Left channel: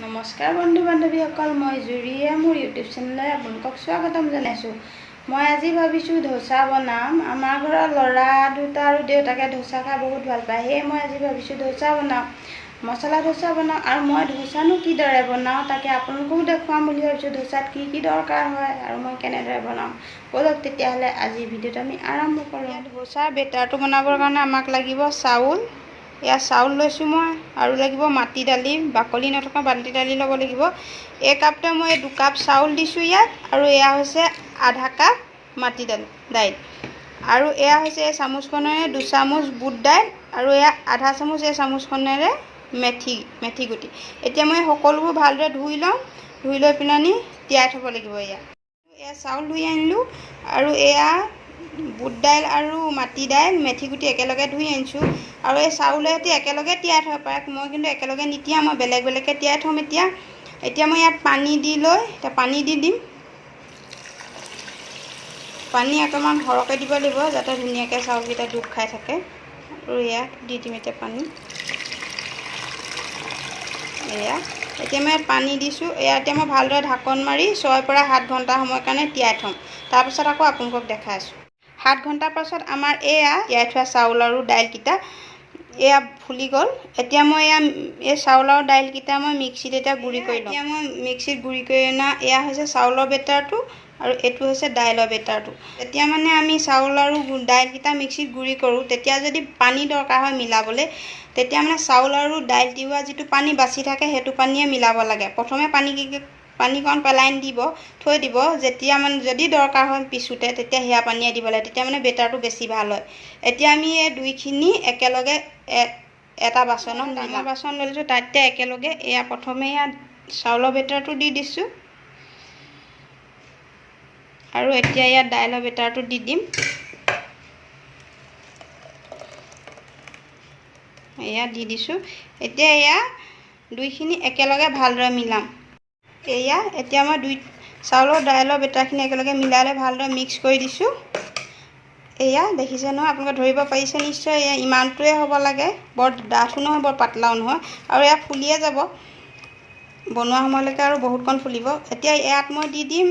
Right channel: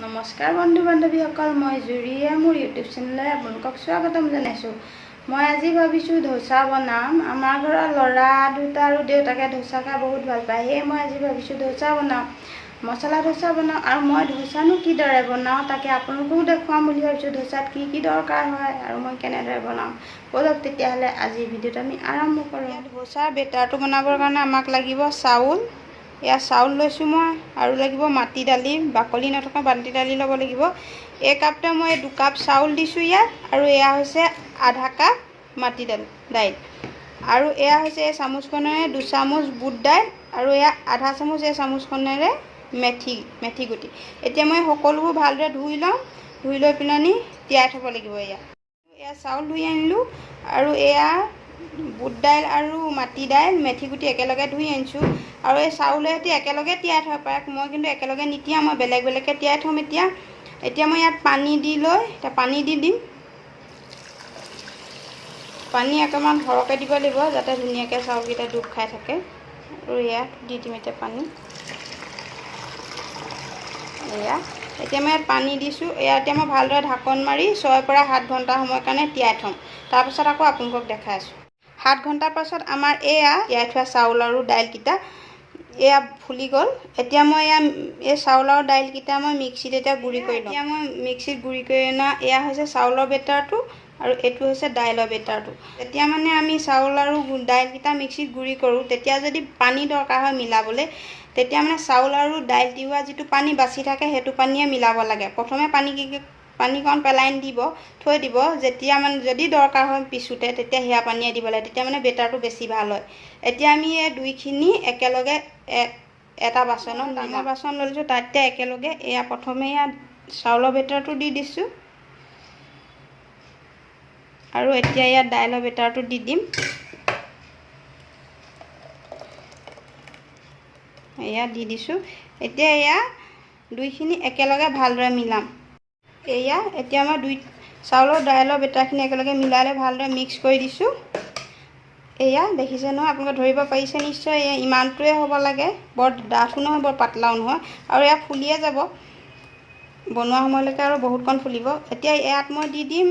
নমস্কাৰ বন্ধু বান্ধৱীসকল, মই জুৰিয়ে মোৰ ইউটিউব চেনেললৈ আপোনালোকক স্বাগতম জনাইছোঁ। মই আজি ভাবিছোঁ ধোচা বনাম। আমাৰ ঘৰৰ ল'ৰা দুটা আৰু দেউতাকে ধোচা খাই বহুত ভাল পায়, সেয়ে মই আজি ভাবিছোঁ ধোচা বনাম, মছলা ধোচা বনাম। আৰু মই ধোচানো কিদৰে বনাওঁ তাকে আপোনালোককো দেখুৱাম বুলি ভাবিছোঁ। ধোচাত কি দৰকাৰ হয় আৰু মই কেনেদৰে বনাম, ব'লক তেতিয়াহ'লে আজিৰ ভিডিঅ'টো আমি আৰম্ভ কৰোঁ। ধোচাৰ বেটাৰটো বনাবৰ কাৰণে আমাক লাগিব চাউল। এয়া চাউল লৈছোঁ মই, আৰু লাগিব মাটি দালি, বাকলি নথকা মাটি দালি ল'ব লাগিব। এই কাপতে মই 2 কাপ চাউল দিছোঁ ইয়াত, আৰু এয়া হৈছে আধা কাপ মাটি দাইল, আৰু এয়া হৈছে এই চামুচখনেৰে 2 চামুচ বুট দাইল, আৰু এয়া আধা চামুচ এই চামুচখনেৰে মেথি গুটি। এতিয়া মই সকলোবোৰ ভালদৰে ধুই ল'ম, ধুই লৈ পিনি তিয়াই থ'ব লাগিব। এয়া চাউল ধুই আনিলোঁ, আৰু এয়া বুট দাইল আৰু মাটি দাইল মেথি গুটি একেলগে ধুই আনিছোঁ। আৰু এই চাউলে সৈতে একেলগে তিয়াই থ'ব পাৰে, মই কিন্তু একেলগে নিতিয়াও, মই বেলেগ বেলেগকৈ তিয়াই থ'ম। এতিয়া মই ইয়াত পানী দি লৈ পানী দি দিম। পানী অকণমান সৰহকৈ দিব লাগিব যাতে ধুনীয়াকৈ চাউলকেইটা ডুব খাই থাকে। আৰু ইয়াত দি দিম এতিয়া পানী। এতিয়া মই ইয়াত পানী দিছোঁ। এতিয়া মই ভালদৰে ঢাকন মাৰি 6 পৰা 7 ঘণ্টা সময়ৰ কাৰণে তিয়াই থ'ম। তাৰপাছত আকৌ আপোনালোকক দেখাই আছোঁ। 7 ঘণ্টাৰ পাছত আমাৰ এয়া তিয়াই থোৱা চাউল আৰু দাইলকেইটা এয়া ফুলি গ'ল। এতিয়া মই এই চাউল আৰু দাইলকেইটা মই মিক্সিত এতিয়া গুড়ি কৰি লওঁ। এতিয়া মই মিক্সিত গুড়ি কৰি অনা এয়া হৈছে চাউলৰ বেটাৰটো, আৰু এইটো হৈছে দাইলৰ বেটাৰটো। এতিয়া মানে আমি চাউল আৰু দাইলকেইটা মিক্সিত গুড়ি কৰোঁ, তেতিয়া যদি পানী দৰকাৰ হয় মিলাবলৈ, তেতিয়া মানে চাউল আৰু দাইল তিওৱা যিটো পানী বাচি থাকে সেইটো পানীয়ে মিলাব লাগে। প্ৰথমে পানীকণ পেলাই থৈ দিব, যেতিয়া মানে যদি দৰকাৰ হয় পিছোতে, তেতিয়া সেয়া পানীয়ে দিব লাগে, তেতিয়া মানে বেটাৰটো বেছি ভাল হয়। এতিয়া আমি এই দুইখিনি একেলগে এটা বাচনত, ডাঙৰ বাচন লৈ লৈছোঁ, তাতে একেলগে এয়া প্ৰথমে এয়া চাউলৰ বেটাৰটো দি দিছোঁ, আৰু এতিয়া ইয়াত দাইলৰ বেটাৰটো দি দিম। এয়া দি দিছোঁ। এতিয়া এয়া দুইখিনি একেলগে ভালদৰে মিলাম। এতিয়া মই চাউলৰ দাইলৰ বেটাৰখিনি একেলগে মিলাই লৈ ভালদৰে মিক্স কৰি দিছোঁ। এয়া দেখিছে নহয়, আপোনালোকে ধৰিব পাৰিছে নিশ্চয়। এয়া ইমানটোৱে হ'ব লাগে, বৰ ডাঠো নহয় বৰ পাতলাও নহয়, আৰু এয়া ফুলিয়ে যাব বনোৱা সময়লৈকে, আৰু বহুতকণ ফুলিব। এতিয়া ইয়াত মই দি দিম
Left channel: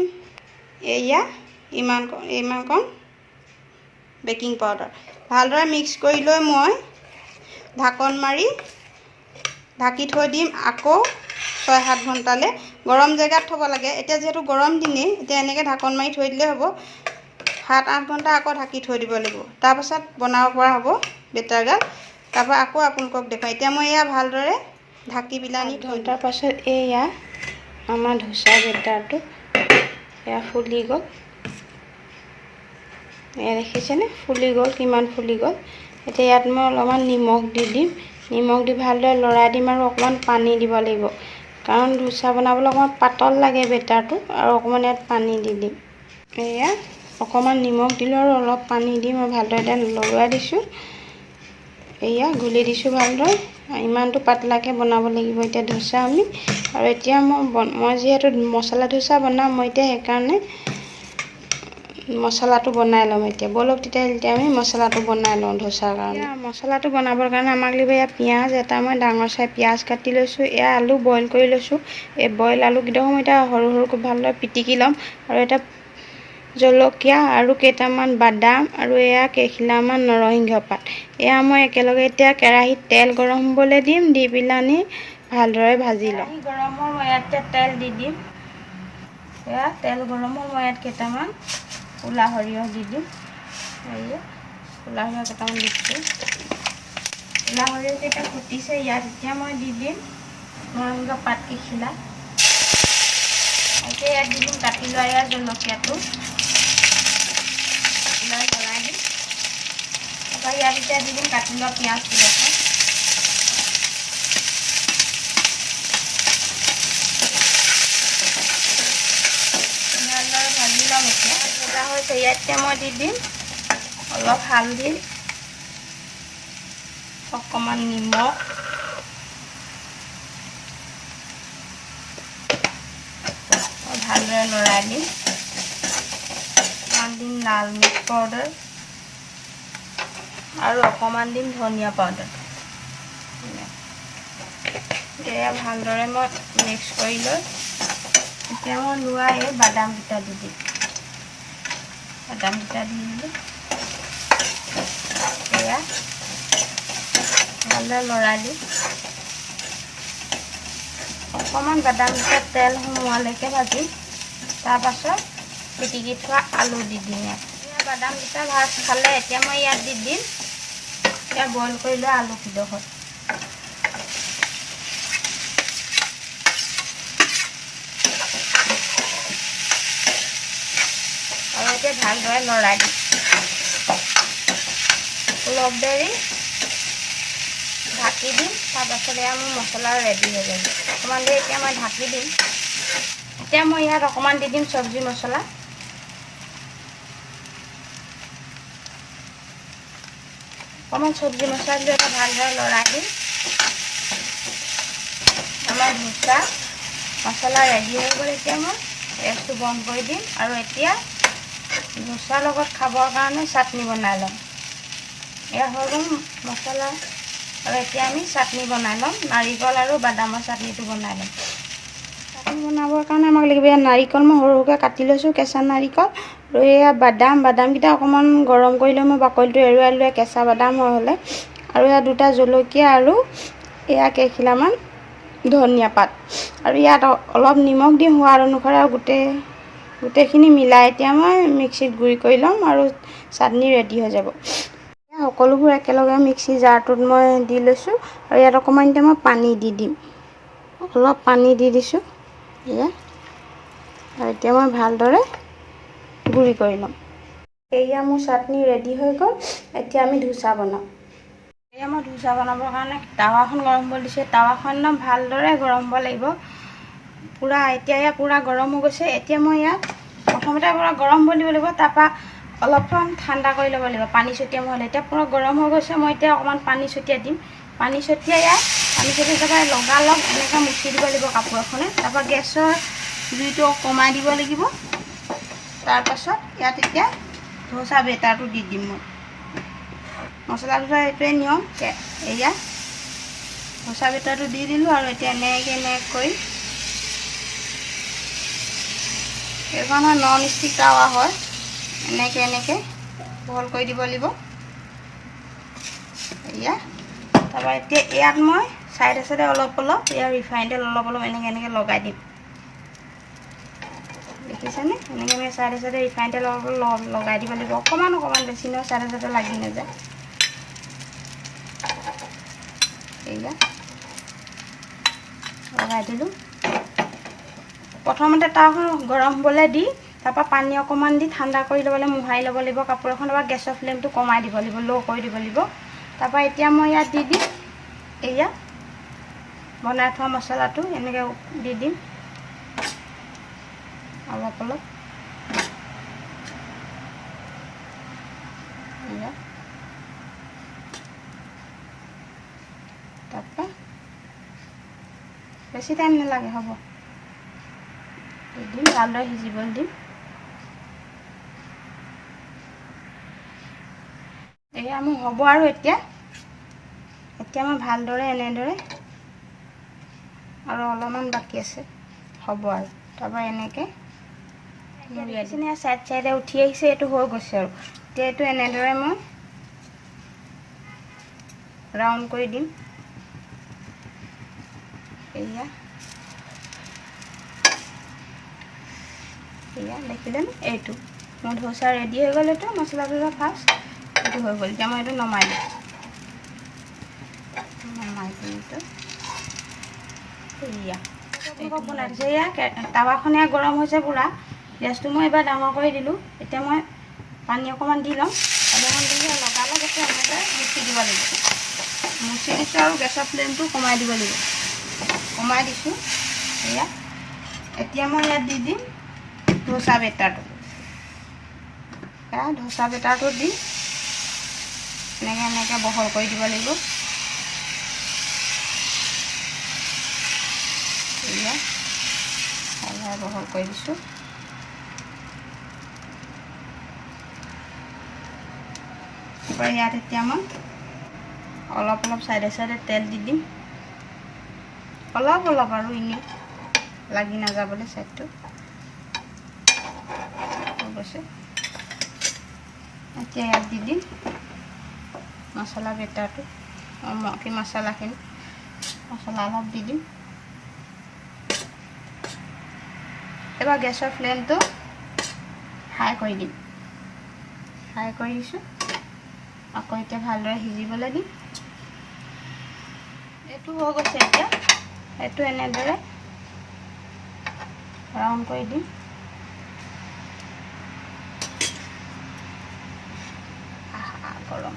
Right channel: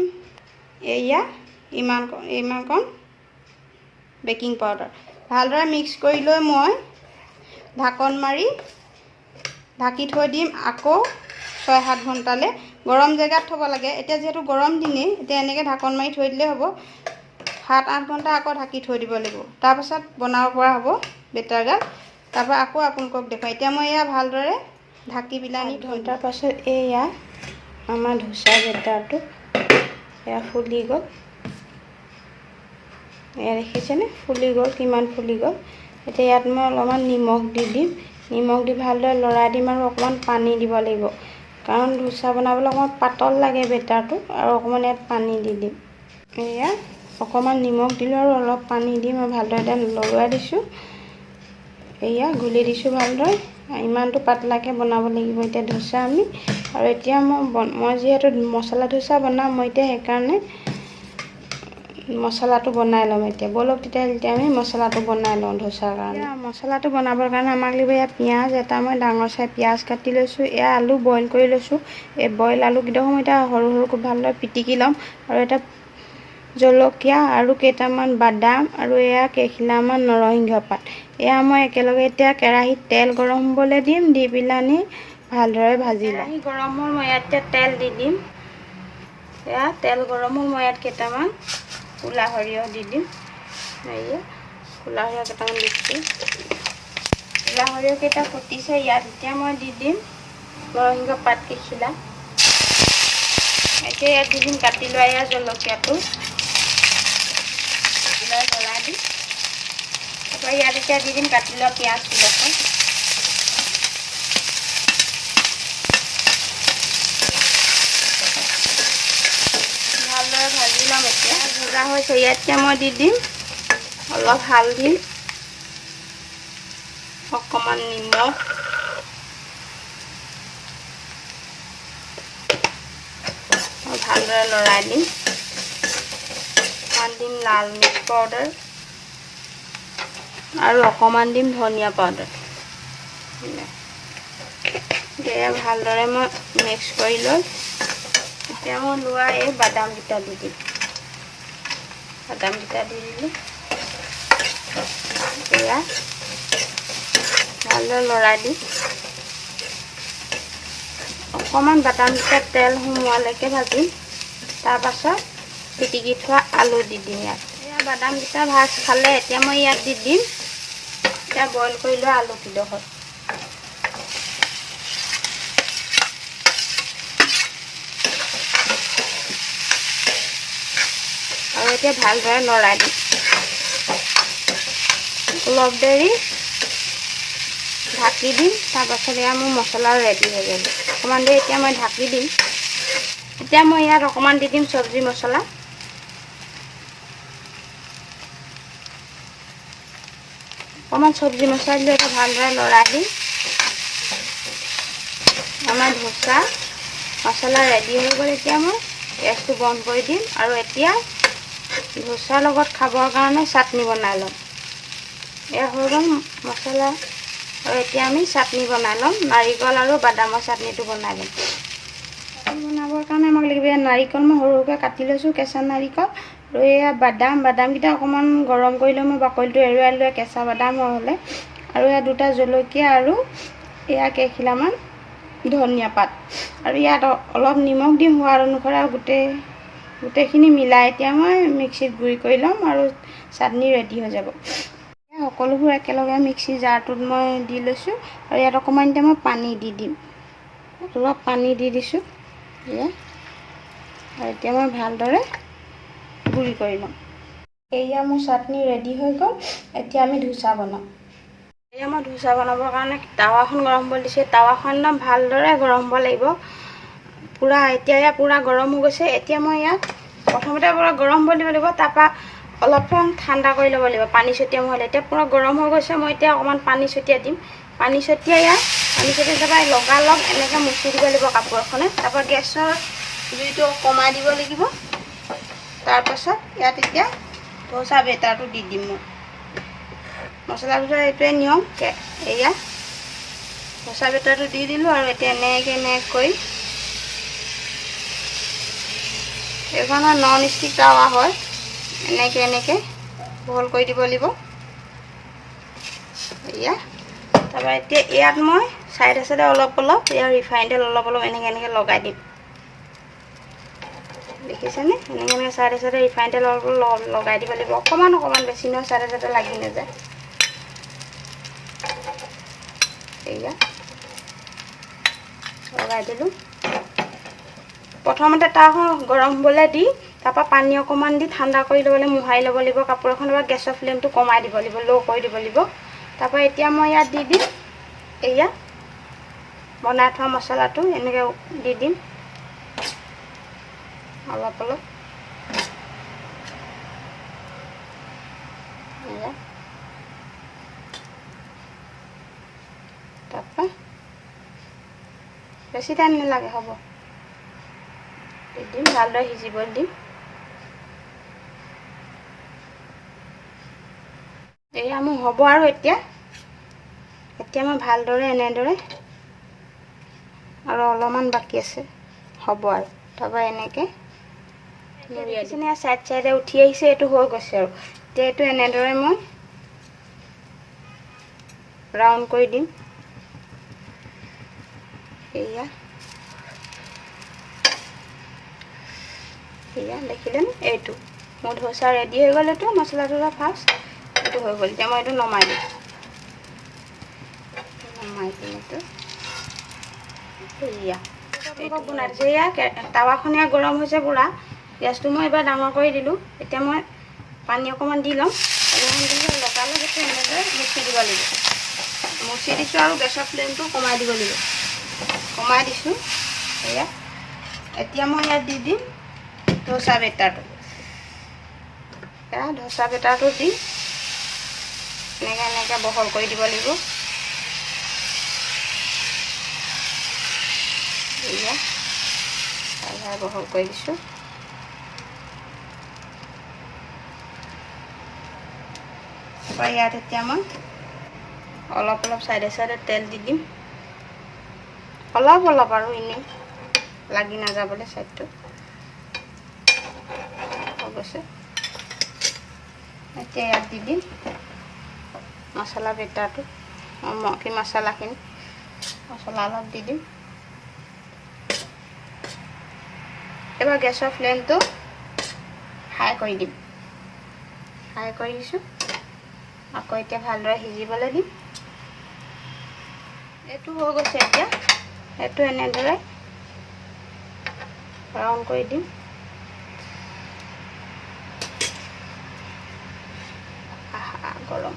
এয়া ইমানকণ বেকিং পাউডাৰ। ভালদৰে মিক্স কৰি লৈ মই ঢাকন মাৰি ঢাকি থৈ দিম আকৌ 6-7 ঘণ্টালৈ। গৰম জেগাত থ'ব লাগে। এতিয়া যিহেতু গৰম দিনেই, এতিয়া এনেকৈ ঢাকন মাৰি থৈ দিলেই হ'ব। 7-8 ঘণ্টা আকৌ ঢাকি থৈ দিব লাগিব, তাৰপাছত বনাব পৰা হ'ব বেটাৰগাল। তাৰপৰা আকৌ আপোনালোকক দেখুৱাম। এতিয়া মই এয়া ভালদৰে ঢাকি বিলানি 8 ঘণ্টাৰ পাছত এয়া আমাৰ ধোচা বেটাৰটো এয়া ফুলি গ'ল। এয়া দেখিছেনে, ফুলি গ'ল, কিমান ফুলি গ'ল। এতিয়া ইয়াত মই অলপমান নিমখ দি দিম। নিমখ দি ভালদৰে লৰাই দিম, আৰু অকণমান পানী দিব লাগিব, কাৰণ ধোচা বনাবলৈ অকণমান পাতল লাগে বেটাৰটো, আৰু অকণমান ইয়াত পানী দি দিম। এয়া অকণমান নিমখ দিলোঁ, আৰু অলপ পানী দি মই ভালদৰে এতিয়া লৰাই দিছোঁ। এয়া ঘুলি দিছোঁ ভালদৰে। ইমানটো পাতলাকৈ বনাব লাগিব এতিয়া ধোচা আমি। আৰু এতিয়া মই যিহেতু মছলা ধোচা বনাম, মই এতিয়া সেইকাৰণে মছলাটো বনাই ল'ম। এতিয়া ব'লক তেতিয়া আমি মছলাটো বনাই লওঁ ধোচাৰ কাৰণে। মছলাটো বনাবৰ কাৰণে আমাক লাগিব এয়া পিঁয়াজ এটা, মই ডাঙৰ চাই পিঁয়াজ কাটি লৈছোঁ। এয়া আলু বইল কৰি লৈছোঁ। এই বইল আলুকেইডোখৰ মই এতিয়া সৰু সৰুকৈ ভালদৰে পিটিকি ল'ম। আৰু এটা জলকীয়া আৰু কেইটামান বাদাম, আৰু এয়া কেইখিলামান নৰসিংহ পাত, এয়া মই একেলগে এতিয়া কেৰাহীত তেল গৰম হ'বলৈ দিম। দি পেলানি ভালদৰে ভাজি ল'ম। গৰম হ'ল, মই ইয়াতে তেল দি দিম। এয়া তেল গৰম হ'ল, মই ইয়াত কেইটামান ক'লা সৰিয়হ দি দিম। এয়া ক'লা সৰিয়হ কেইটামান দিছোঁ। ক'লা সৰিয়হকেইটা ফুটিছে, ইয়াত এতিয়া মই দি দিম নৰসিংহ পাত কেইখিলা। এতিয়া ইয়াত দি দিম কাটি লোৱা এয়া জলকীয়াটো, কাটি লৈ জ্বলাই দিম। তাৰপৰা ইয়াত এতিয়া দি দিম কাটি লোৱা পিঁয়াজকেইডোখৰ। ভালদৰে ভাজি ল'ম। এতিয়া ভজা হৈছে, ইয়াত এতিয়া মই দি দিম অলপ হালধি, অকণমান নিমখ, ভালদৰে লৰাই দিম। ইয়াত দিম লাল মিৰ্চ পাউডাৰ, আৰু অকণমান দিম ধনিয়া পাউডাৰ। এয়া ভালদৰে মই মিক্স কৰি লৈ এতিয়া মই লোৱা এই বাদামকেইটা দি দিম। বাদামকেইটা দি দিলোঁ। এয়া ভালদৰে লৰাই দিম। অকণমান বাদামকেইটা তেল সোমোৱালৈকে ভাজিম। তাৰপাছত পিটিকি থোৱা আলু দি দিম ইয়াত। এয়া বাদামকেইটা ভাজ খালে এতিয়া মই ইয়াত দি দিম এয়া বইল কৰি লোৱা আলুকেইডোখৰ। আৰু এতিয়া ভালদৰে লৰাই দিম। অলপ দেৰি ঢাকি দিম। তাৰপাছত এয়া মোৰ মছলা ৰেডি হৈ যাব। অকণমান দেৰি এতিয়া মই ঢাকি দিম। এতিয়া মই ইয়াত অকণমান দি দিম চব্জি মছলা। অকণমান চব্জি মছলা দিলে এটা ভালদৰে লৰাই দিম। আমাৰ ধোচা মছলা ৰেডি হৈ গ'ল। এতিয়া মই গেছটো বন্ধ কৰি দিম আৰু এতিয়া ধোচাৰ লগত খাবৰ কাৰণে চাটনি বনাই ল'ম। এয়া হৈ গ'ল মছলা আৰু এতিয়া আমি চাটনি বনাই ল'ম। নাৰিকল আৰু বাদামৰ চাটনিটো বনাই ল'ম। চাটনি বনাবৰ কাৰণে আমাক লাগিব এয়া নাৰিকল মই সৰু সৰুকৈ কাটি লৈছোঁ, কেঁচা নাৰিকল। আৰু এয়া বাদামকেইটা অকণমান গৰম কৰি লৈ মই বাকলিটো এৰুৱাই লৈ কেঁচা বাদাম হৈ হ'লে আৰু এয়া 2টা জলকীয়া আৰু এয়া কেইখিলামান ধনিয়া পাত আৰু ইয়াত অলপ নিমখ দি সোৱাদ অনুসাৰে আৰু গোটেইখিনি মিলাই এতিয়া মই মিক্সিত গুড়ি কৰি ল'ম আৰু চাটনি ৰেডি হৈ যাব। সকলোবোৰ একেলগে মিক্সি জাৰটোত মই দি লৈছোঁ আৰু ইয়াত অকণমান এতিয়া মই পানী দি দিম। অলপ পানী দি দিছোঁ এয়া। আৰু এতিয়া মই ভালদৰে গুড়ি কৰি ল'ম। এয়া মোৰ চাটনি ৰেডি হৈ গ'ল। এতিয়া আমি ধোচা বনাম। এয়া মই ধোচা বনাবৰ কাৰণে টাৱাখন গৰম হ'ব দিছোঁ। টাৱাখন ভালদৰে গৰম হ'ব লাগিব। এতিয়া পূৰা গৰম হৈ গৈছে। এতিয়া মই ইয়াত প্ৰথমতে পূৰা গৰম হ'ব দিব লাগিব। তাৰপৰা অলপমান ঠাণ্ডা কৰি ল'ব লাগিব। পানী ছটিয়াই মই এতিয়া পূৰা গৰম হৈ গৈছে। মই এতিয়া অকণমান পানী ছটিয়াই দিম। পানী ছটিয়াই তাৰপৰা লগালগ এনেকৈ মুচি দিব লাগিব কাপোৰ এখনে। তাৰপৰা গেছৰ জুইটো কমাই দিব লাগিব। তাৰপাছত ইয়াত এতিয়া ধোচা বেটাৰটো দি দিম মই। মছলা ধোচা এইটোৱে নিয়ম। এয়া ধোচা বেটাৰটো দি দিলোঁ আৰু এতিয়া এনেকৈ কৰি এইখন নন ষ্টিক টাৱা হয়। এনেকৈ বহল কৰি দিব লাগিব। এয়া তাৰপৰা এতিয়া ইয়াত মই চাইডে অলপ ইয়াৰ ৰিফাইন তেল অলপ এনেকৈ লগাই দিম। দেখিছেনে? এনেকৈ চাইডে ৰিফাইন তেল অলপ লগাই দিব লাগিব। অকণমান বেছি নহয়, চাইডে লাগি নাযায়। এয়া লগাই দিলোঁ। প্ৰথমতে টাৱাখন গৰম হ'বলৈ দি তাৰপৰা পানী অকণমান দি ঠাণ্ডা কৰি ল'বলৈ মোহাৰি ল'ব লাগিব কাপোৰ এখন। তাৰপৰা গেছৰ ফ্লেমটো কমাই দিব লাগিব, ল' কৰি দিব লাগিব। তাৰপৰা এতিয়া মই ইয়াত দি দিম এয়া বনাই থোৱা মছলাটো এনেকৈ দি দিম অলপ এয়া। তাৰপৰা বেছি টাইম নালাগে, হ'ব। দি দিম, ভালদৰে সিজিবলৈ দিম। এয়া মোৰ হ'ব আৰু এতিয়া মই ভালদৰে এনেদৰে আৰু অলপমান বাকী আছে, হ'ব আৰু। তাৰপৰা এনেকৈ চাইডে উঠি আহিছে। এইটো হৈ গৈছে আৰু এতিয়া এইটো এনেদৰে মই ৰাউণ্ড কৰি দিম। এয়া দেখিলেনে? এইটো মোৰ ধোচা ৰেডি হৈ গ'ল। এইটো মছলা ধোচা ফাৰ্ষ্ট এইটো হৈ গ'ল। এতিয়া মই এইটো নমাই দিম। এয়া এইটো বনাই দিছোঁ। এয়া টাৱাখন গৰম হৈছে পূৰা। গেছটো মই এবাৰ ডাঙৰ কৰি দিলোঁ। এতিয়া মই পানী অকণমান দি ল'ম। লগালগ এতিয়া এনেদৰে মুচি দিব লাগিব। মুচি দিছোঁ আৰু গেছৰ ফ্লেমটো কমাই দিব লাগিব। কমাই দিছোঁ। এয়া এতিয়া মই ইয়াত দি দিম ধোচা বেটাৰটো। ধোচা বেটাৰটো দি এনেকৈ বহল কৰি দিব লাগিব। বহল কৰি দিছোঁ। ইয়াত এতিয়া মই অলপ চাইডে তেল দি দিম। অলপ অলপ আৰু এনেই লাগি নাযাবলৈ চাইডটো হৈ গৈছে। এতিয়া ইয়াত দি দিম মছলা বেটাৰটো, কি মছলাখিনি, মছলা অলপ দি দিম। এবাৰ গেছৰ ফ্লেমটো হাই কৰি দিম। হাই কৰি দিছোঁ। আকৌ এতিয়া ভালদৰে সিজিবলৈ দিম। এইটো হৈ গৈছে। এতিয়া এইটো এনেদৰে ৰাউণ্ড কৰি দিম। গৰম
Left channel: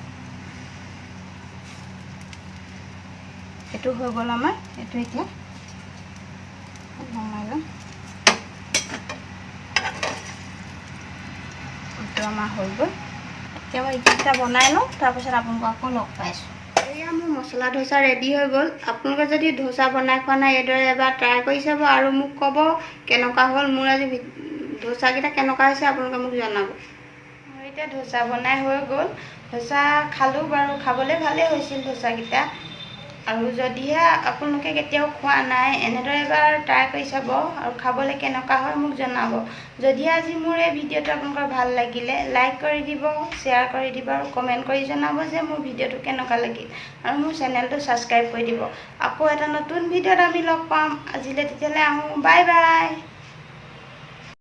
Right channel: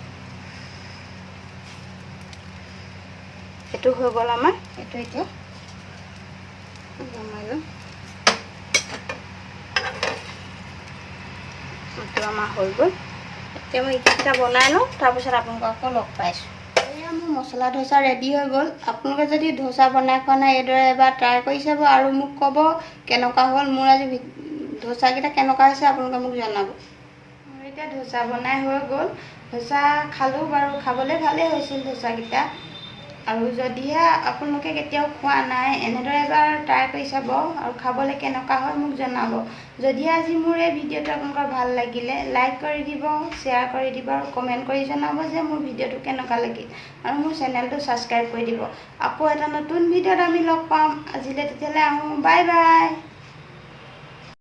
এইটো হৈ গ'ল আমাৰ। এইটো এতিয়া নমাই লওঁ। এইটো আমাৰ হৈ গ'ল। এতিয়া মই এইকেইটা বনাই লওঁ, তাৰপিছত আপোনালোকক আকৌ লগ পাইছোঁ। এয়া মোৰ মছলা ধোচা ৰেডি হৈ গ'ল। আপোনালোকে যদি ধোচা বনাই খোৱা নাই এইদৰে এবাৰ ট্ৰাই কৰি চাব আৰু মোক ক'ব কেনেকুৱা হ'ল। মোৰ আজি ধোচাকেইটা কেনেকুৱা হৈছে আপোনালোকে মোক জনাব। মোৰ এতিয়া ধোচা বনাই হৈ গ'ল। ধোচা খালোঁ বাৰু, খাবলৈ ভালেই হৈছিল ধোচাকেইটা। আৰু যদিহে আপোনালোকে কেতিয়াও খোৱা নাই এনেদৰে এবাৰ ট্ৰাই কৰি চাব আৰু খাবলৈ কেনেকুৱা হয় মোক জনাব। যদিহে আজি মোৰ এই ভিডিঅ'টো আপোনালোকৰ ভাল লাগিলে লাইক কৰি দিব, শ্বেয়াৰ কৰি দিব আৰু কমেণ্ট কৰি জনাব যে মোৰ ভিডিঅ'টো কেনেকুৱা লাগিল। আৰু মোৰ চেনেলটো ছাবস্ক্ৰাইব কৰি দিব। আকৌ এটা নতুন ভিডিঅ'ত আমি লগ পাম। আজিলৈ তেতিয়ালৈ আহোঁ। Bye bye.